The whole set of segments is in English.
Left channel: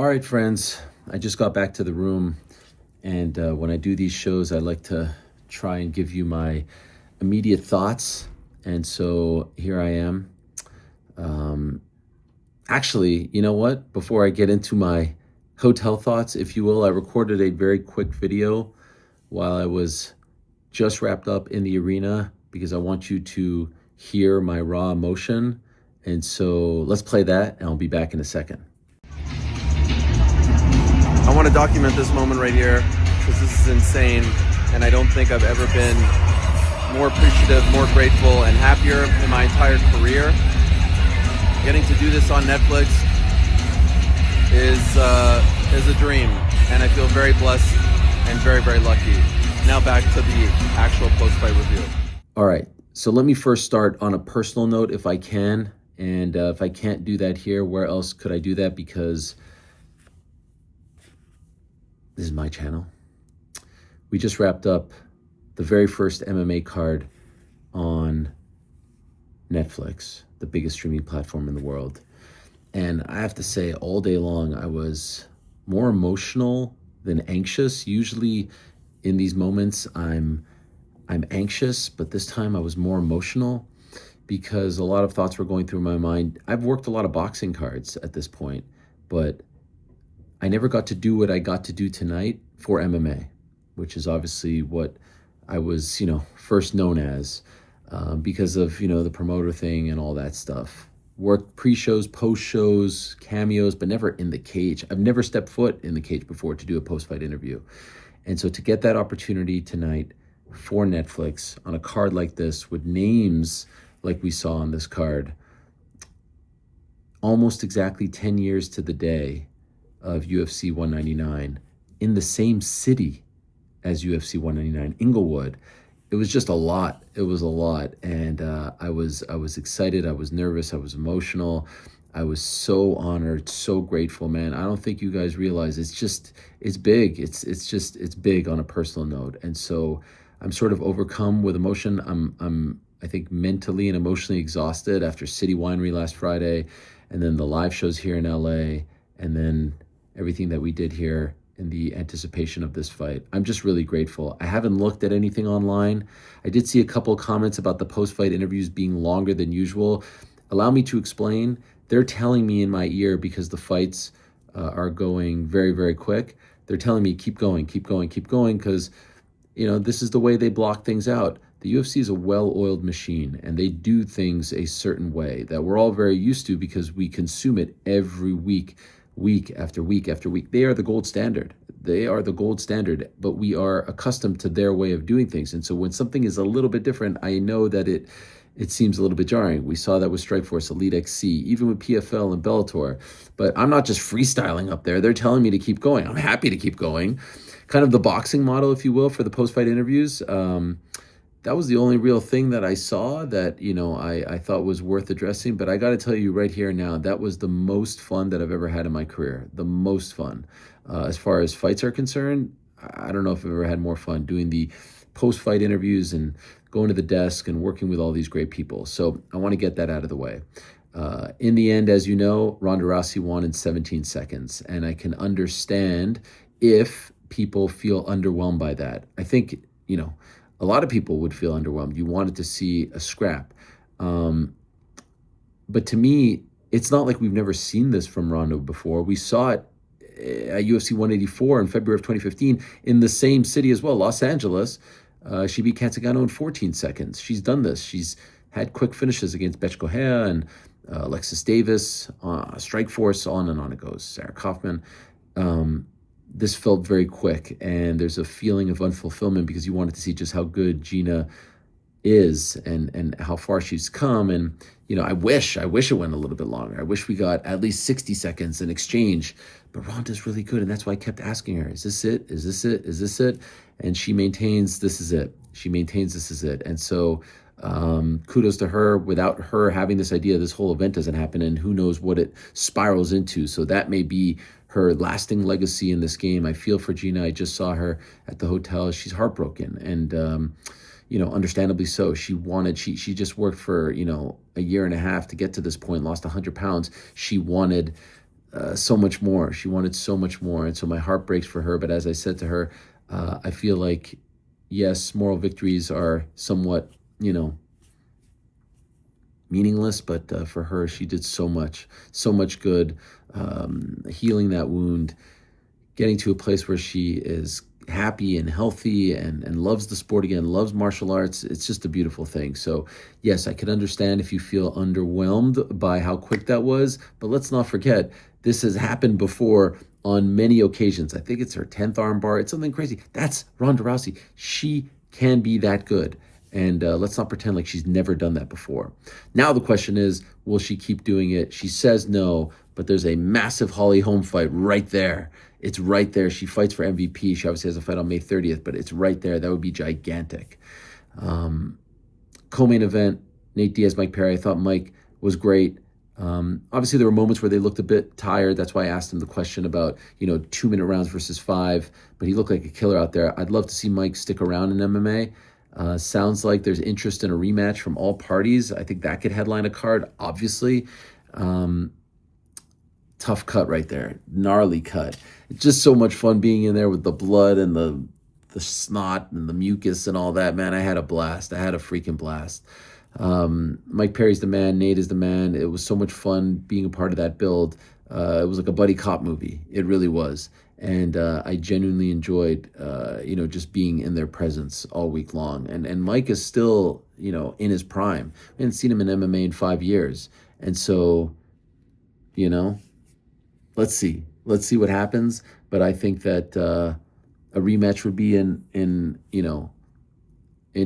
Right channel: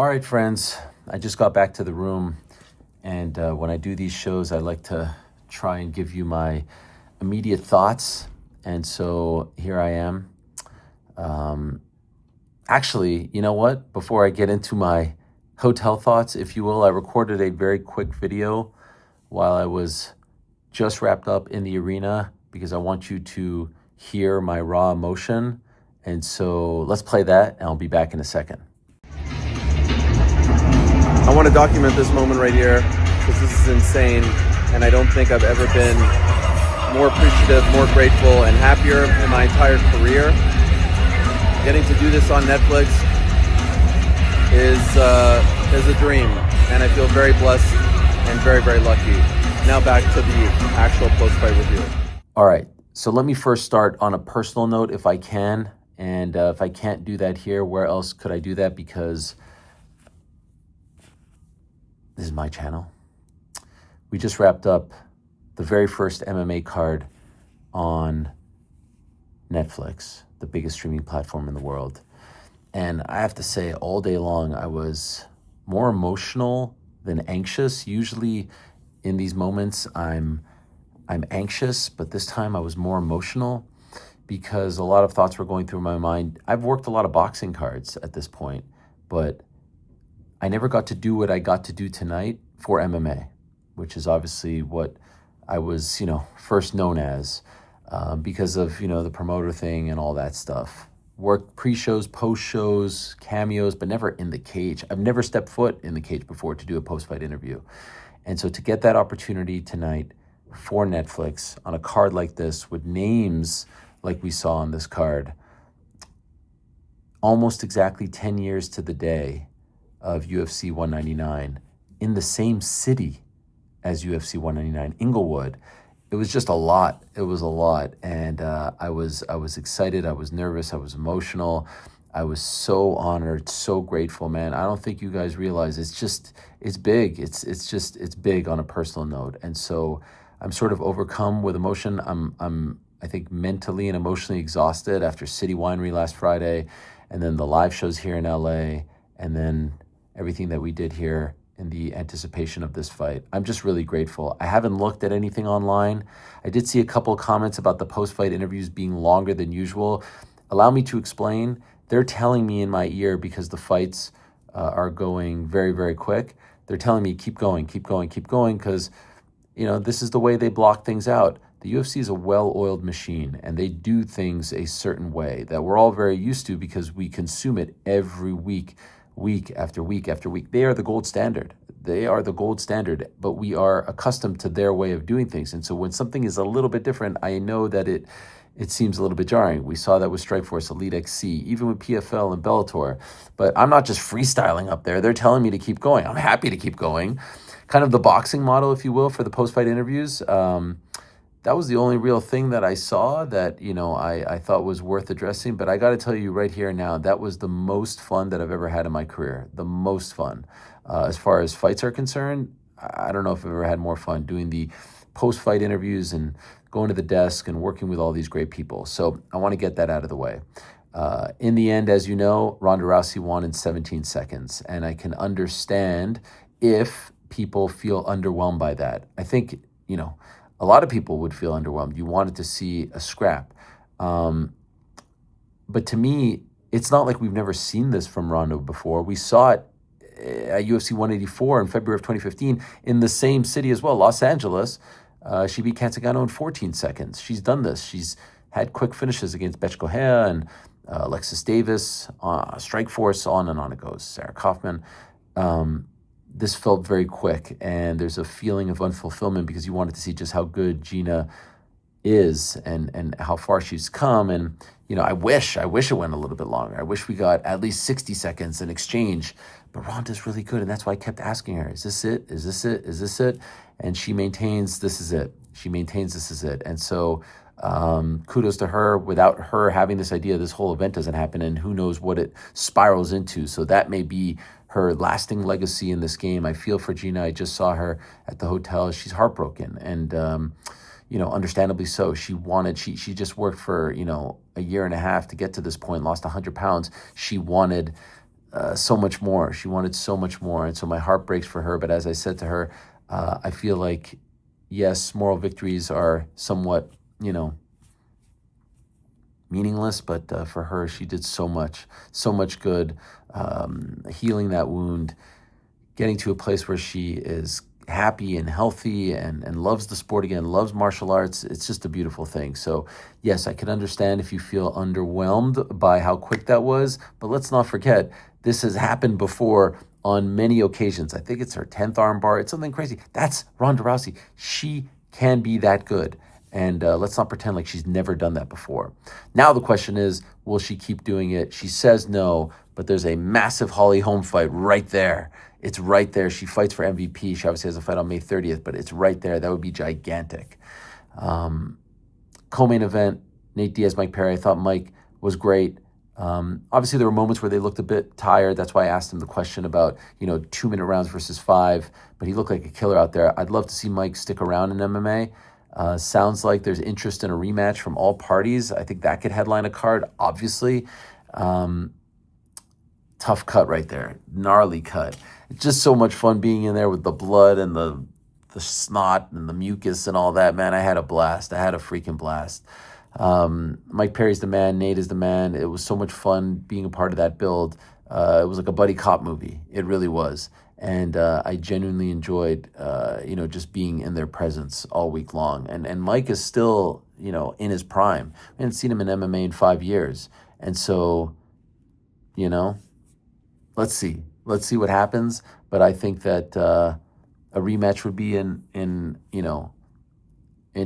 All right, friends, I just got back to the room, and when I do these shows, I like to try and give you my immediate thoughts. And so here I am. Actually, you know what? Before I get into my hotel thoughts, if you will, I recorded a very quick video while I was just wrapped up in the arena because I want you to hear my raw emotion. And so let's play that, and I'll be back in a second. I want to document this moment right here because this is insane, and I don't think I've ever been more appreciative, more grateful, and happier in my entire career. Getting to do this on Netflix is a dream, and I feel very blessed and very, very lucky. Now back to the actual post-fight review. All right, so let me first start on a personal note if I can, and if I can't do that here, where else could I do that? Because this is my channel. We just wrapped up the very first MMA card on Netflix, the biggest streaming platform in the world. And I have to say, all day long, I was more emotional than anxious. Usually in these moments, I'm anxious, but this time I was more emotional because a lot of thoughts were going through my mind. I've worked a lot of boxing cards at this point, but I never got to do what I got to do tonight for MMA, which is obviously what I was, first known as because of, the promoter thing and all that stuff. Worked pre-shows, post-shows, cameos, but never in the cage. I've never stepped foot in the cage before to do a post-fight interview. And so to get that opportunity tonight for Netflix on a card like this with names like we saw on this card, almost exactly 10 years to the day of UFC 199 in the same city as UFC 199, Inglewood. It was just a lot. It was a lot. And I was excited. I was nervous. I was emotional. I was so honored, so grateful, man. I don't think you guys realize it's big. It's big on a personal note. And so I'm sort of overcome with emotion. I think mentally and emotionally exhausted after City Winery last Friday, and then the live shows here in LA, and then everything that we did here in the anticipation of this fight. I'm just really grateful. I haven't looked at anything online. I did see a couple of comments about the post-fight interviews being longer than usual. Allow me to explain. They're telling me in my ear, because the fights are going very, very quick, they're telling me keep going, because this is the way they block things out. The UFC is a well-oiled machine, and they do things a certain way that we're all very used to because we consume it every week after week after week. They are the gold standard. But we are accustomed to their way of doing things. And so when something is a little bit different, I know that it seems a little bit jarring. We saw that with Strikeforce, Elite XC, even with PFL and Bellator. But I'm not just freestyling up there. They're telling me to keep going. I'm happy to keep going. Kind of the boxing model, if you will, for the post-fight interviews. That was the only real thing that I saw that, I thought was worth addressing. But I got to tell you right here now, that was the most fun that I've ever had in my career. The most fun. As far as fights are concerned, I don't know if I've ever had more fun doing the post-fight interviews and going to the desk and working with all these great people. So I want to get that out of the way. In the end, as you know, Ronda Rousey won in 17 seconds. And I can understand if people feel underwhelmed by that. I think, a lot of people would feel underwhelmed. You wanted to see a scrap. But to me, it's not like we've never seen this from Ronda before. We saw it at UFC 184 in February of 2015 in the same city as well, Los Angeles. She beat Ngannou in 14 seconds. She's done this. She's had quick finishes against Bethe Correia and Alexis Davis, Strikeforce, on and on it goes, Sarah Kaufman. This felt very quick, and there's a feeling of unfulfillment because you wanted to see just how good Gina is and how far she's come. And, I wish it went a little bit longer. I wish we got at least 60 seconds in exchange, but Ronda's really good. And that's why I kept asking her, is this it? Is this it? Is this it? And she maintains this is it. And so kudos to her. Without her having this idea, this whole event doesn't happen, and who knows what it spirals into. So that may be her lasting legacy in this game. I feel for Gina. I just saw her at the hotel. She's heartbroken, and understandably so. She just worked for a year and a half to get to this point, lost 100 pounds. She wanted so much more. She wanted so much more. And so my heart breaks for her. But as I said to her, I feel like, yes, moral victories are somewhat, meaningless, but for her, she did so much good, healing that wound, getting to a place where she is happy and healthy and loves the sport again, loves martial arts. It's just a beautiful thing. So yes, I can understand if you feel underwhelmed by how quick that was, but let's not forget, this has happened before on many occasions. I think it's her 10th armbar. It's something crazy. That's Ronda Rousey. She can be that good. And let's not pretend like she's never done that before. Now the question is, will she keep doing it? She says no, but there's a massive Holly Holm fight right there. It's right there. She fights for MVP. She obviously has a fight on May 30th, but it's right there. That would be gigantic. Co-main event, Nate Diaz, Mike Perry. I thought Mike was great. Obviously, there were moments where they looked a bit tired. That's why I asked him the question about, 2-minute rounds versus 5. But he looked like a killer out there. I'd love to see Mike stick around in MMA. Sounds like there's interest in a rematch from all parties. I think that could headline a card, obviously. Tough cut right there. Gnarly cut. It's just so much fun being in there with the blood and the snot and the mucus and all that. Man, I had a blast. I had a freaking blast. Mike Perry's the man. Nate is the man. It was so much fun being a part of that build. It was like a buddy cop movie. It really was. And I genuinely enjoyed, just being in their presence all week long. And Mike is still, in his prime. I haven't seen him in MMA in 5 years. And so, let's see. Let's see what happens. But I think that a rematch would be in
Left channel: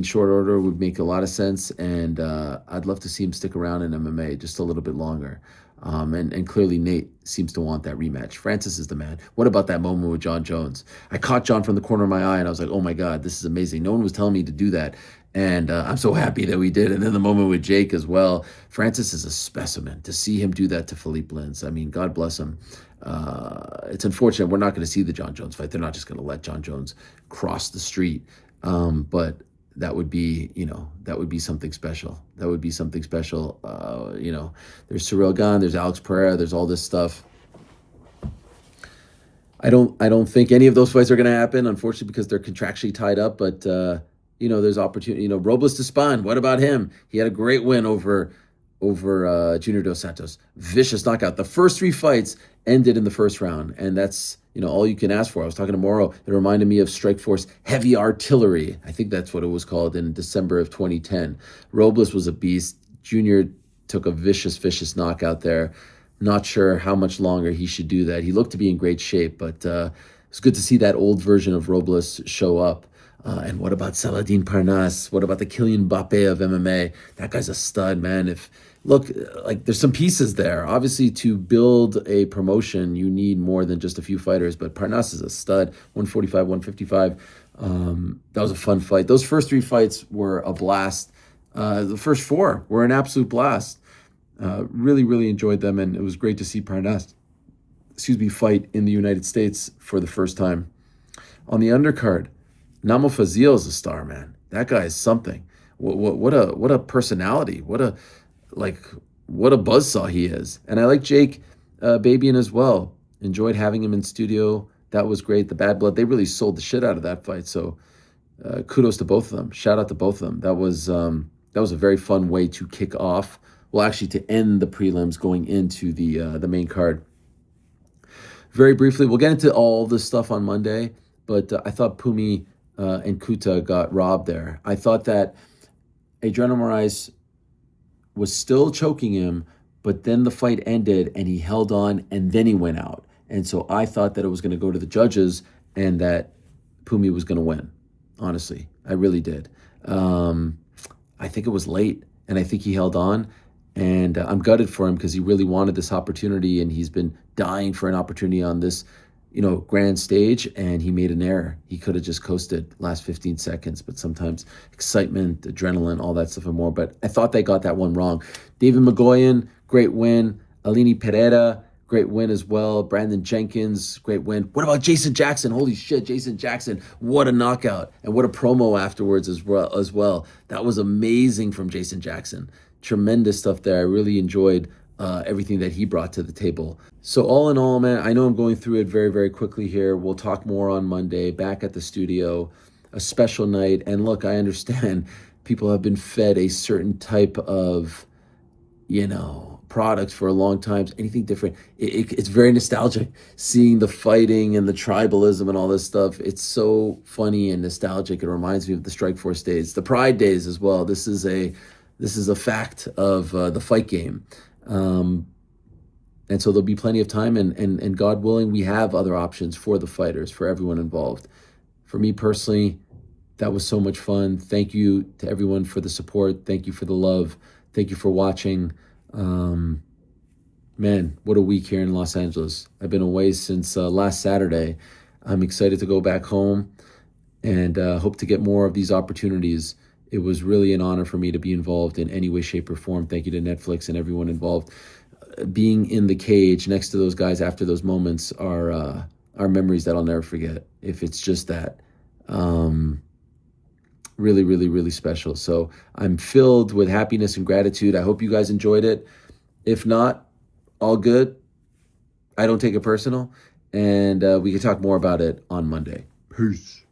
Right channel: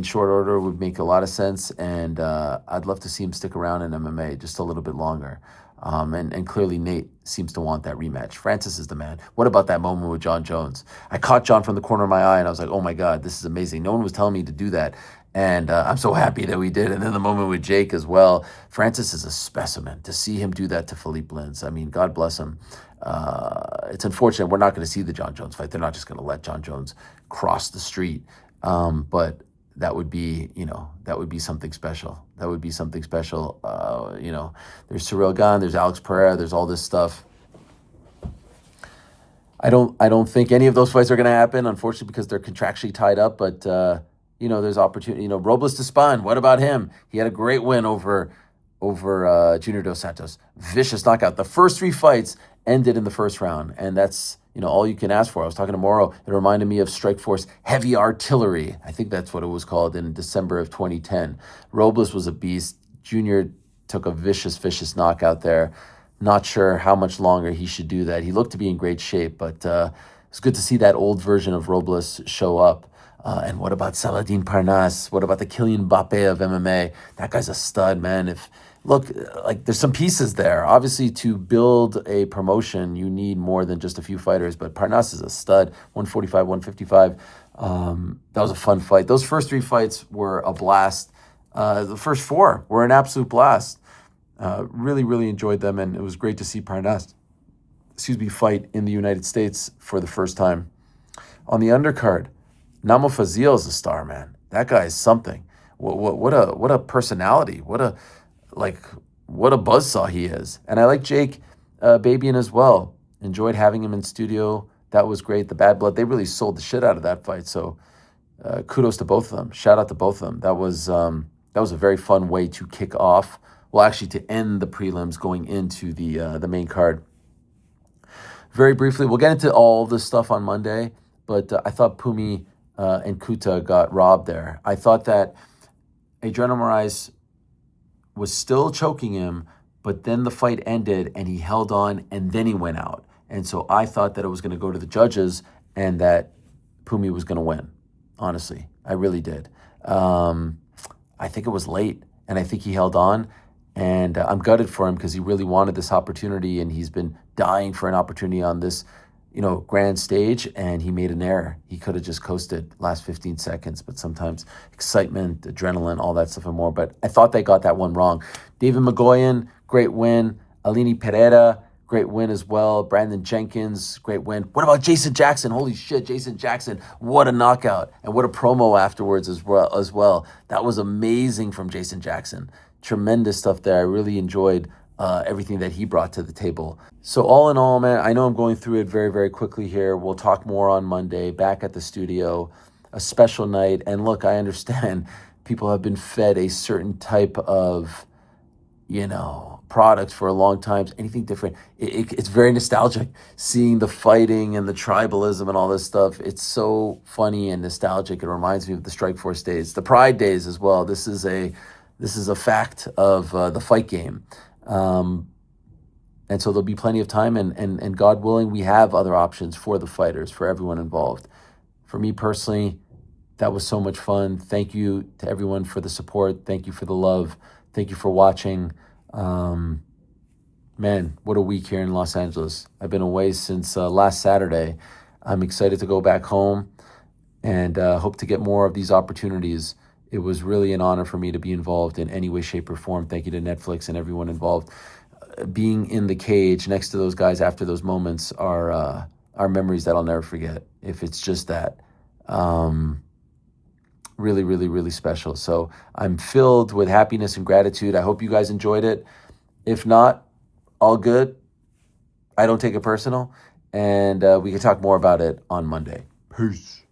short order would make a lot of sense. And I'd love to see him stick around in MMA just a little bit longer. And clearly Nate seems to want that rematch. Francis is the man. What about that moment with John Jones? I caught John from the corner of my eye and I was like, oh my God, this is amazing. No one was telling me to do that. And I'm so happy that we did. And then the moment with Jake as well. Francis is a specimen. To see him do that to Philipe Lins, I mean, God bless him. It's unfortunate we're not going to see the John Jones fight. They're not just going to let John Jones cross the street. But that would be, that would be something special. That would be something special. There's Cyril Gane, there's Alex Pereira, there's all this stuff. I don't think any of those fights are going to happen, unfortunately, because they're contractually tied up. But there's opportunity. Robles Despan. What about him? He had a great win over Junior Dos Santos. Vicious knockout. The first 3 fights ended in the first round, and that's all you can ask for. I was talking to Morrow. It reminded me of Strikeforce Heavy Artillery. I think that's what it was called in December of 2010. Robles was a beast. Junior took a vicious knockout there. Not sure how much longer he should do that. He looked to be in great shape, but it's good to see that old version of Robles show up. And what about Saladin Parnasse? What about the Kylian Mbappe of MMA? That guy's a stud, man. Look, there's some pieces there. Obviously, to build a promotion, you need more than just a few fighters, but Parnasse is a stud, 145, 155. That was a fun fight. Those first 3 fights were a blast. The first 4 were an absolute blast. Really enjoyed them, and it was great to see Parnasse, fight in the United States for the first time. On the undercard, Namo Fazil is a star, man. That guy is something. What a personality. What a buzzsaw he is. And I like Jake Babian as well. Enjoyed having him in studio. That was great. The Bad Blood, they really sold the shit out of that fight. So kudos to both of them. Shout out to both of them. That was a very fun way to kick off. Well, actually, to end the prelims going into the main card. Very briefly, we'll get into all this stuff on Monday, but I thought Pumi and Kuta got robbed there. I thought that Adriano Moraes was still choking him, but then the fight ended and he held on and then he went out. And so I thought that it was going to go to the judges and that Pumi was going to win. Honestly, I really did. I think it was late and I think he held on. And I'm gutted for him because he really wanted this opportunity and he's been dying for an opportunity on this, grand stage, and he made an error. He could have just coasted last 15 seconds, but sometimes excitement, adrenaline, all that stuff and more. But I thought they got that one wrong. David Magoyan, great win. Alini Pereira, great win as well. Brandon Jenkins, great win. What about Jason Jackson? Holy shit, Jason Jackson. What a knockout. And what a promo afterwards as well. That was amazing from Jason Jackson. Tremendous stuff there. I really enjoyed everything that he brought to the table. So all in all, man, I know I'm going through it very, very quickly here. We'll talk more on Monday, back at the studio, a special night. And look, I understand people have been fed a certain type of, products for a long time. Anything different. It's very nostalgic seeing the fighting and the tribalism and all this stuff. It's so funny and nostalgic. It reminds me of the Strikeforce days, the Pride days as well. This is a fact of the fight game. And so there'll be plenty of time, and God willing, we have other options for the fighters, for everyone involved. For me personally, that was so much fun. Thank you to everyone for the support. Thank you for the love. Thank you for watching. Man, what a week here in Los Angeles. I've been away since last Saturday. I'm excited to go back home and hope to get more of these opportunities. It was really an honor for me to be involved in any way, shape, or form. Thank you to Netflix and everyone involved. Being in the cage next to those guys after those moments are memories that I'll never forget. If it's just that, really, really, really special. So I'm filled with happiness and gratitude. I hope you guys enjoyed it. If not, all good. I don't take it personal, and we can talk more about it on Monday. Peace.